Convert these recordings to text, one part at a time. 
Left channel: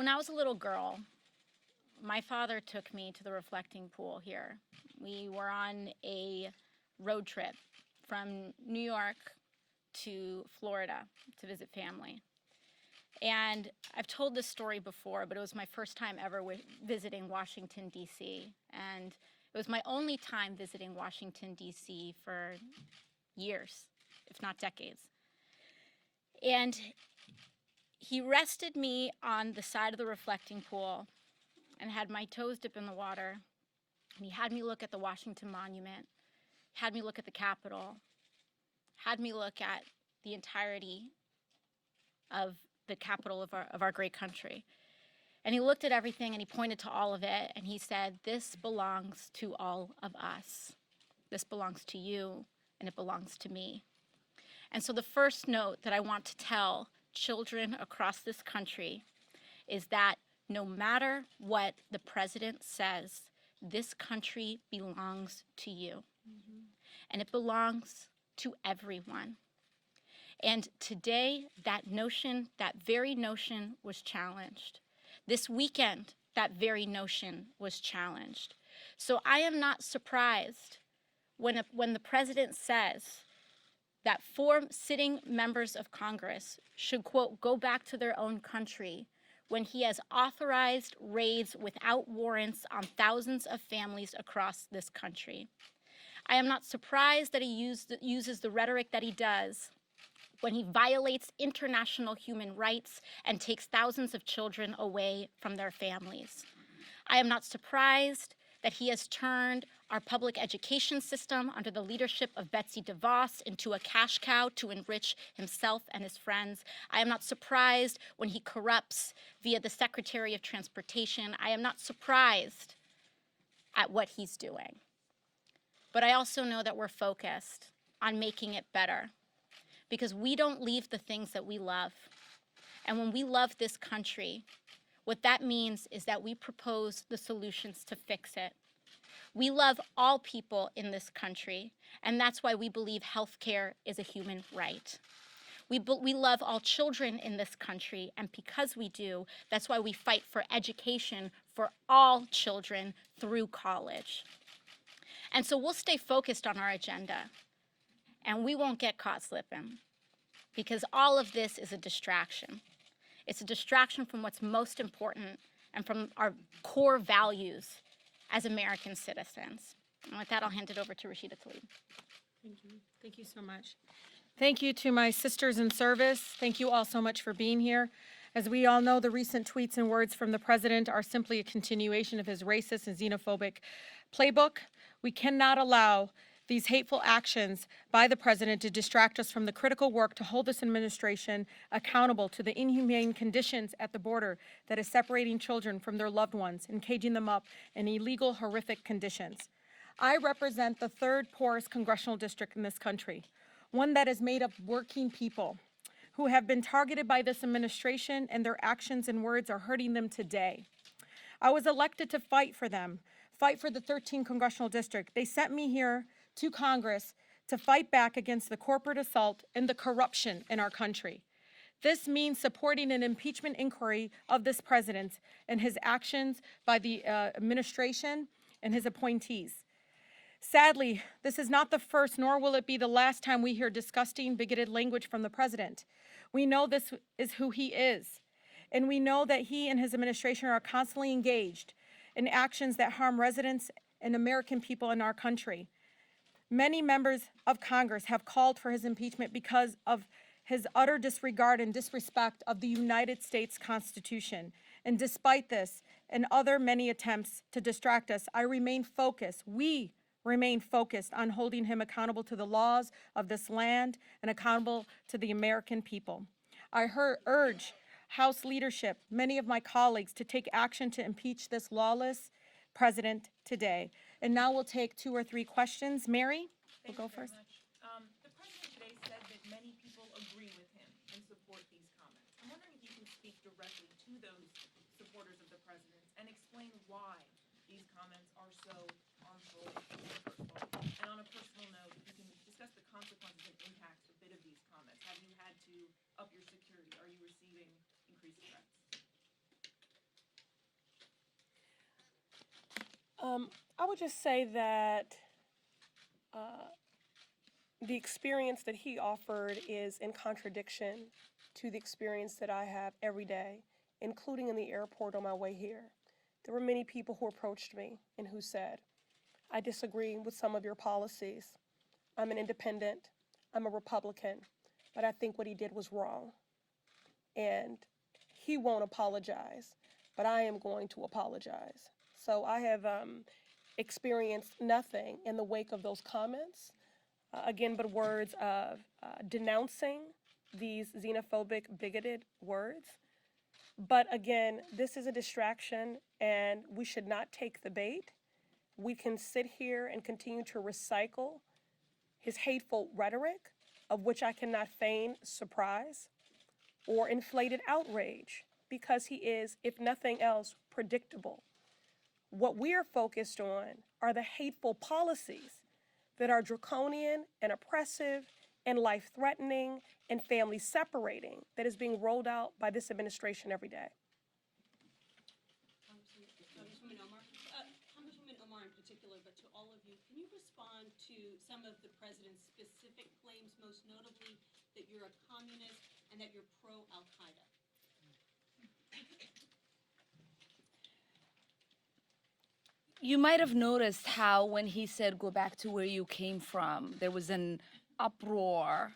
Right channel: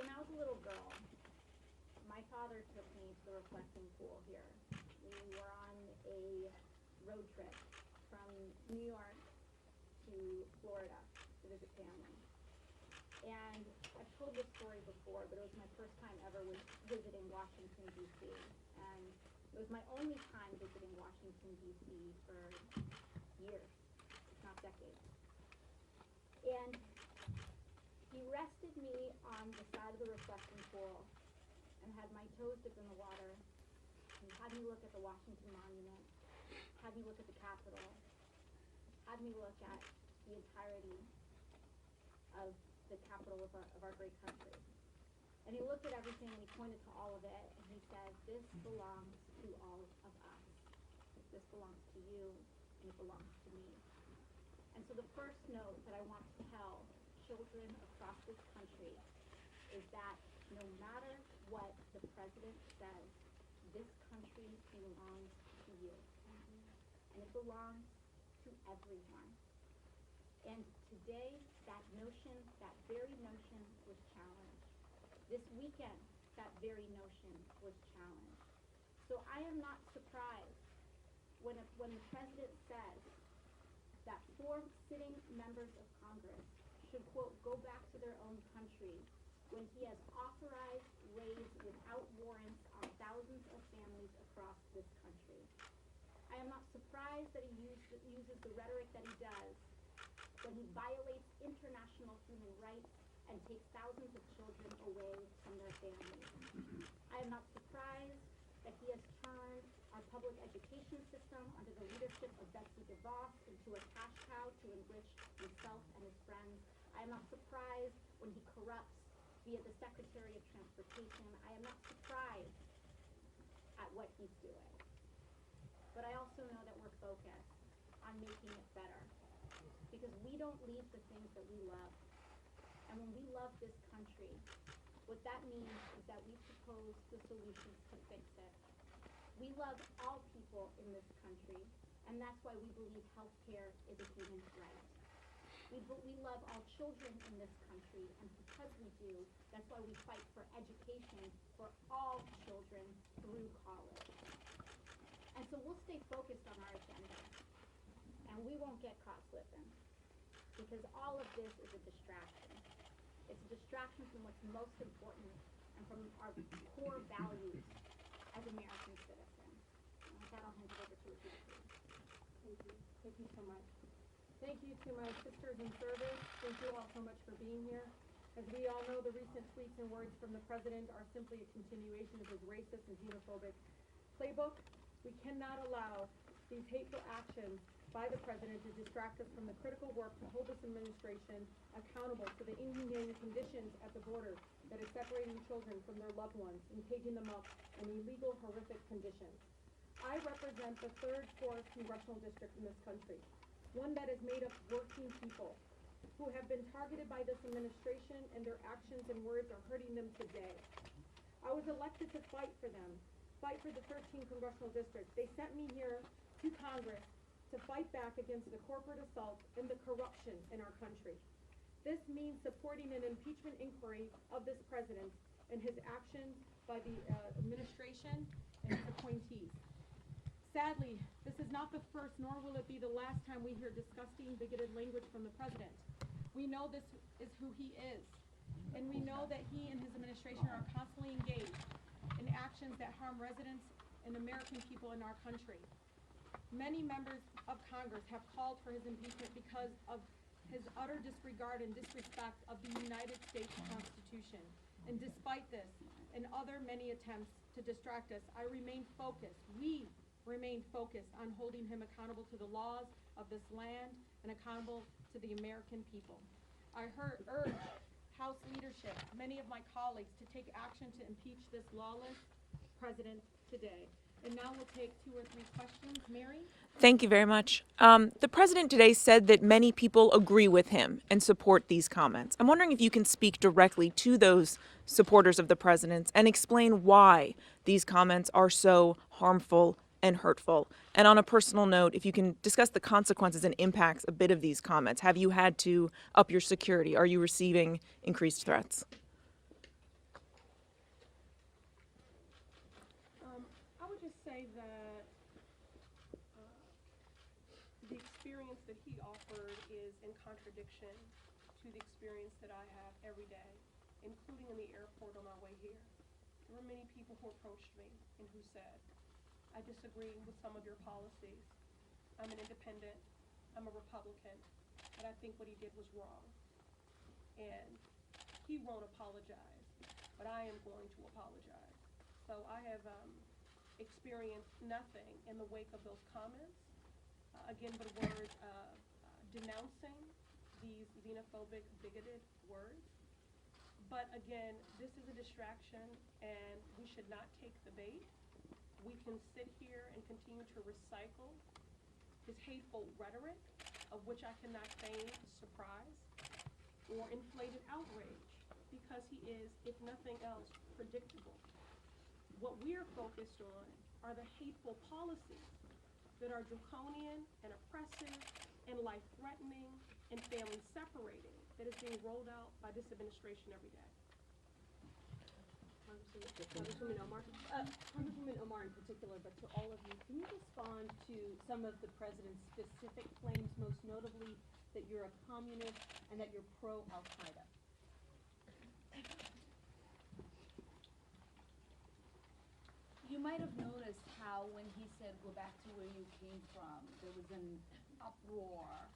When I was a little girl, my father took me to the reflecting pool here. We were on a road trip from New York to Florida to visit family. And I've told this story before, but it was my first time ever visiting Washington, D.C. And it was my only time visiting Washington, D.C. for years, if not decades. And he rested me on the side of the reflecting pool and had my toes dip in the water. And he had me look at the Washington Monument, had me look at the Capitol, had me look at the entirety of the capital of our great country. And he looked at everything and he pointed to all of it and he said, "This belongs to all of us. This belongs to you and it belongs to me." And so the first note that I want to tell children across this country is that no matter what the president says, this country belongs to you. And it belongs to everyone. And today, that very notion was challenged. This weekend, that very notion was challenged. So I am not surprised when the president says that 4 sitting members of Congress should, quote, go back to their own country when he has authorized raids without warrants on thousands of families across this country. I am not surprised that he uses the rhetoric that he does when he violates international human rights and takes thousands of children away from their families. I am not surprised that he has turned our public education system under the leadership of Betsy DeVos into a cash cow to enrich himself and his friends. I am not surprised when he corrupts via the Secretary of Transportation. I am not surprised at what he's doing. But I also know that we're focused on making it better, because we don't leave the things that we love. And when we love this country, what that means is that we propose the solutions to fix it. We love all people in this country, and that's why we believe healthcare is a human right. We love all children in this country, and because we do, that's why we fight for education for all children through college. And so we'll stay focused on our agenda, and we won't get caught slipping, because all of this is a distraction. It's a distraction from what's most important and from our core values as American citizens. And with that, I'll hand it over to Rashida Tlaib. Thank you. Thank you so much. Thank you to my sisters in service. Thank you all so much for being here. As we all know, the recent tweets and words from the president are simply a continuation of his racist and xenophobic playbook. We cannot allow these hateful actions by the president to distract us from the critical work to hold this administration accountable to the inhumane conditions at the border that is separating children from their loved ones and caging them up in illegal, horrific conditions. I represent the 3rd poorest congressional district in this country, one that is made up of working people who have been targeted by this administration, and their actions and words are hurting them today. I was elected to fight for them, fight for the 13th congressional district. They sent me here to Congress to fight back against the corporate assault and the corruption in our country. This means supporting an impeachment inquiry of this president and his actions by the administration and his appointees. Sadly, this is not the first, nor will it be the last time we hear disgusting, bigoted language from the president. We know this is who he is, and we know that he and his administration are constantly engaged in actions that harm residents and American people in our country. Many members of Congress have called for his impeachment because of his utter disregard and disrespect of the United States Constitution. And despite this and other many attempts to distract us, I remain focused. We remain focused on holding him accountable to the laws of this land and accountable to the American people. I urge House leadership, many of my colleagues, to take action to impeach this lawless president today. And now we'll take 2 or 3 questions. Mary? Thank you very much. The president today said that many people agree with him and support these comments. I'm wondering if you can speak directly to those supporters of the president's and explain why these comments are so harmful and hurtful. And on a personal note, if you can discuss the consequences and impacts a bit of these comments. Have you had to up your security? Are you receiving increased threats? I would just say that the experience that he offered is in contradiction to the experience that I have every day, including in the airport on my way here. There were many people who approached me and who said, I disagree with some of your policies. I'm an independent, I'm a Republican, but I think what he did was wrong. And he won't apologize, but I am going to apologize. So I have experienced nothing in the wake of those comments, again, but words of denouncing these xenophobic, bigoted words. But again, this is a distraction and we should not take the bait. We can sit here and continue to recycle his hateful rhetoric, of which I cannot feign surprise or inflated outrage, because he is, if nothing else, predictable. What we are focused on are the hateful policies that are draconian and oppressive and life-threatening and family-separating that is being rolled out by this administration every day. Congresswoman Omar in particular, but to all of you, can you respond to some of the president's specific claims, most notably that you're a communist and that you're pro-Al-Qaeda? You might have noticed how when he said, go back to where you came from, there was an uproar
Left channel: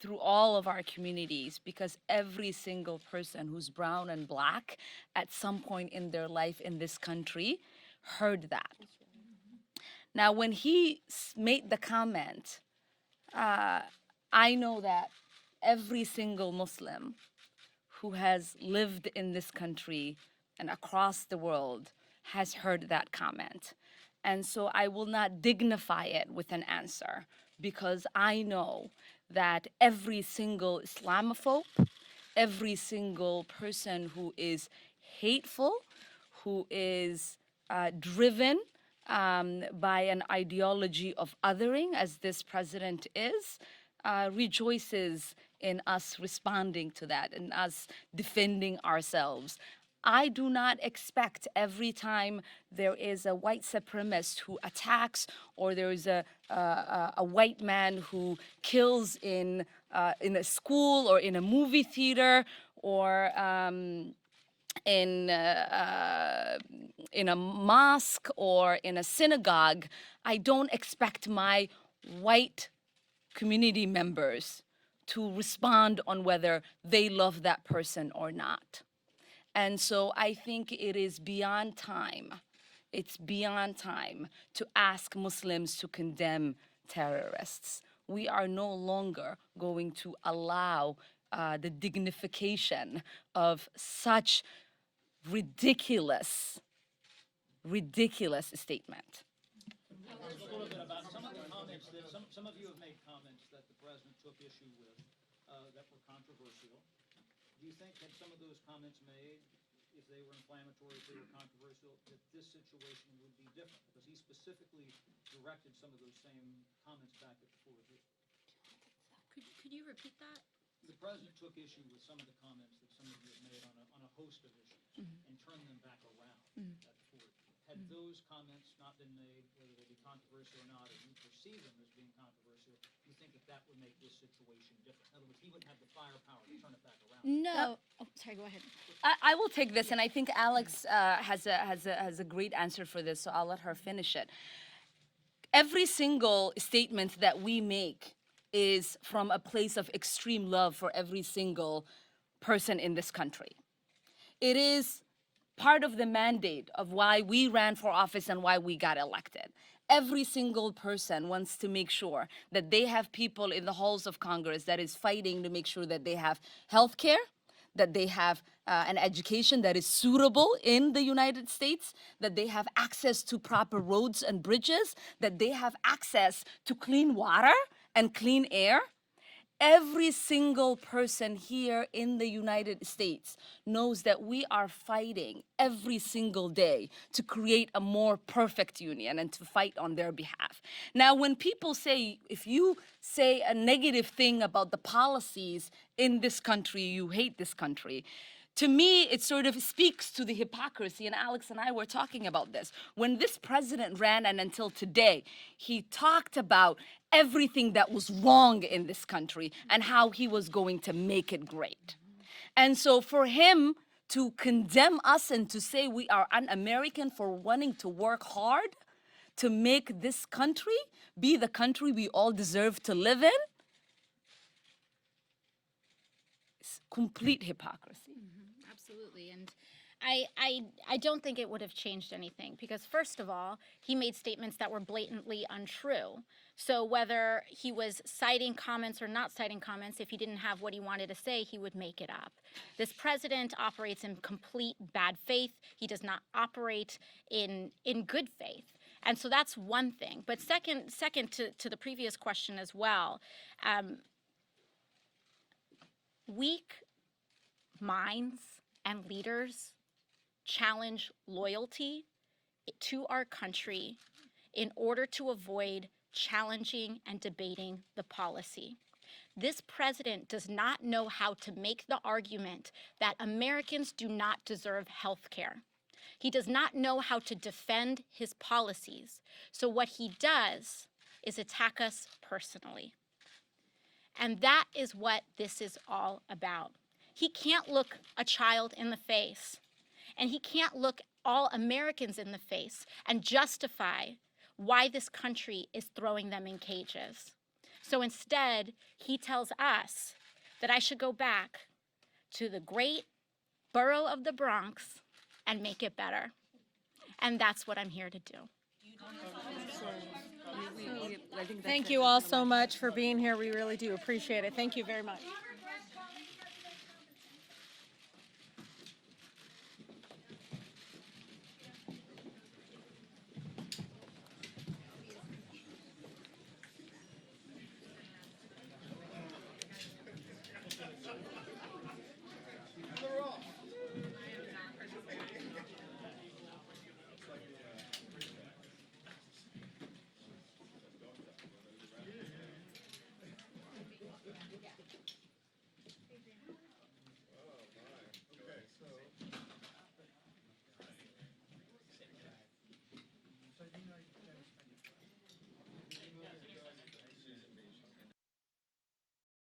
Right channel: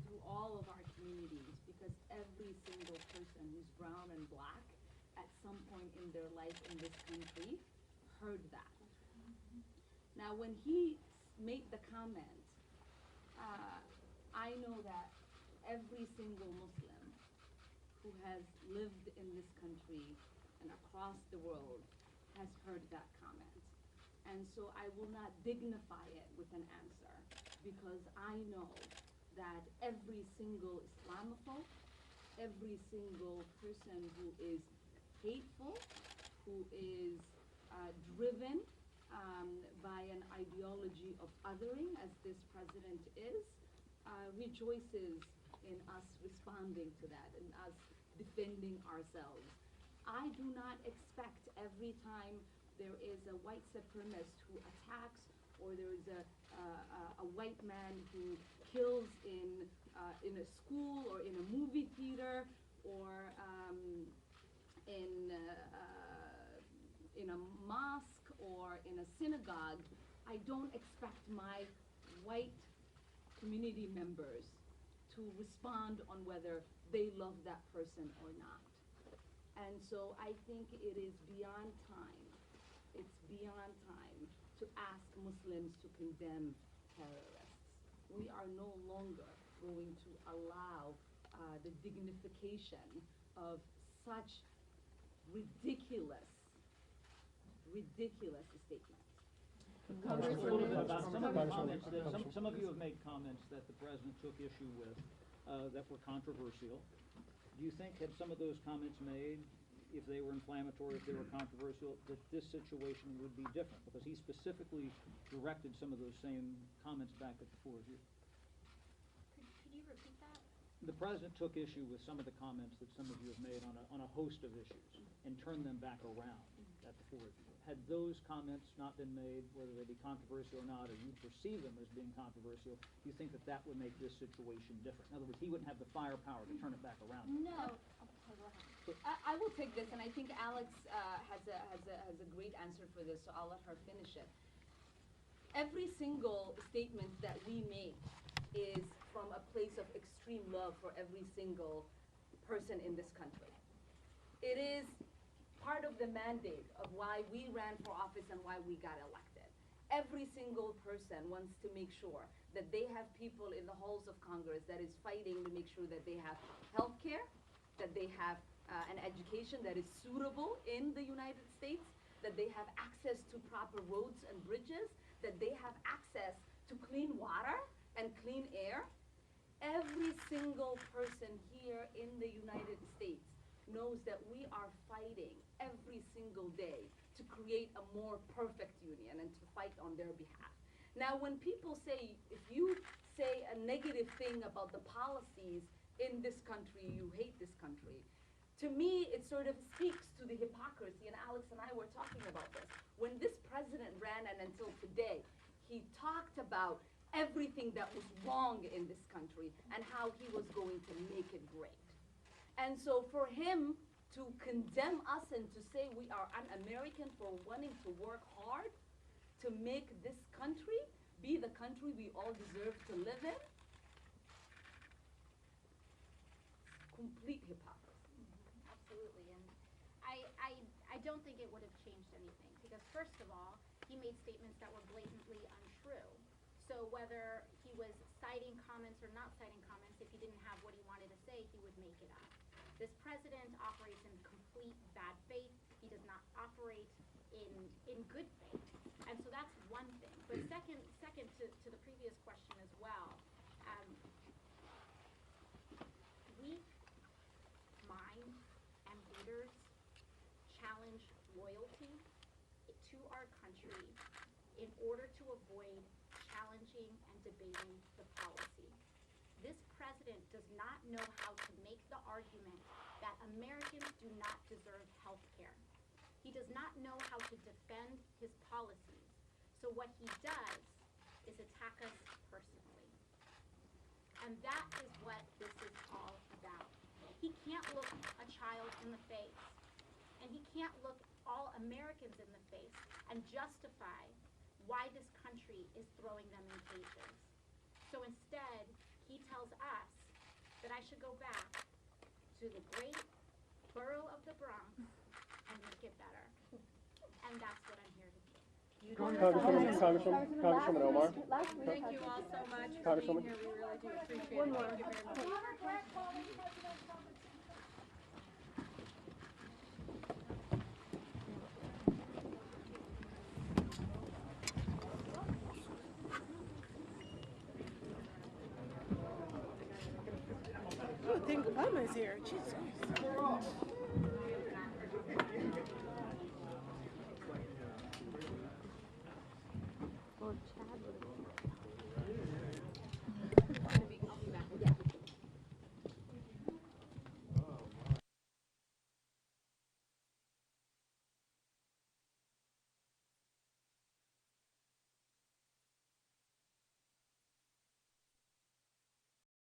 through all of our communities, because every single person who's brown and black at some point in their life in this country heard that. Now, when he made the comment, I know that every single Muslim who has lived in this country and across the world has heard that comment. And so I will not dignify it with an answer, because I know that every single Islamophobe, every single person who is hateful, who is driven by an ideology of othering, as this president is, rejoices in us responding to that and us defending ourselves. I do not expect every time there is a white supremacist who attacks, or there is a white man who kills in a school or in a movie theater or in a mosque or in a synagogue, I don't expect my white community members to respond on whether they love that person or not. And so I think it is beyond time. It's beyond time to ask Muslims to condemn terrorists. We are no longer going to allow the dignification of such ridiculous statement. Some of you have made comments that the president took issue with that were controversial. Do you think that some of those comments made, if they were inflammatory, if they were controversial, that this situation would be different? Because he specifically directed some of those same comments back at the four of you. Could you repeat that? The president took issue with some of the comments that some of you have made on a host of issues and turned them back around at the four of you. Had those comments not been made, whether they be controversial or not, or you perceive them as being controversial, do you think that that would make this situation different? In other words, he wouldn't have the firepower to turn it back around. No. Oh, sorry, go ahead. I will take this, and I think Alex has a great answer for this, so I'll let her finish it. Every single statement that we make is from a place of extreme love for every single person in this country. It is part of the mandate of why we ran for office and why we got elected. Every single person wants to make sure that they have people in the halls of Congress that is fighting to make sure that they have health care, that they have an education that is suitable in the United States, that they have access to proper roads and bridges, that they have access to clean water and clean air. Every single person here in the United States knows that we are fighting every single day to create a more perfect union and to fight on their behalf. Now, when people say, if you say a negative thing about the policies in this country, you hate this country, To me, it sort of speaks to the hypocrisy, and Alex and I were talking about this. When this president ran, and until today, he talked about everything that was wrong in this country and how he was going to make it great. And so for him to condemn us and to say we are un-American for wanting to work hard to make this country be the country we all deserve to live in, it's complete hypocrisy. Absolutely. And I don't think it would have changed anything because, first of all, he made statements that were blatantly untrue. So whether he was citing comments or not citing comments, if he didn't have what he wanted to say, he would make it up. This president operates in complete bad faith. He does not operate in good faith. And so that's one thing. But second to the previous question as well, weak minds and leaders challenge loyalty to our country in order to avoid challenging and debating the policy. This president does not know how to make the argument that Americans do not deserve health care. He does not know how to defend his policies. So what he does is attack us personally. And that is what this is all about. He can't look a child in the face, and he can't look all Americans in the face and justify why this country is throwing them in cages. So instead, he tells us that I should go back to the great borough of the Bronx and make it better. And that's what I'm here to do. Thank you all so much for being here. We really do appreciate it. Thank you very much.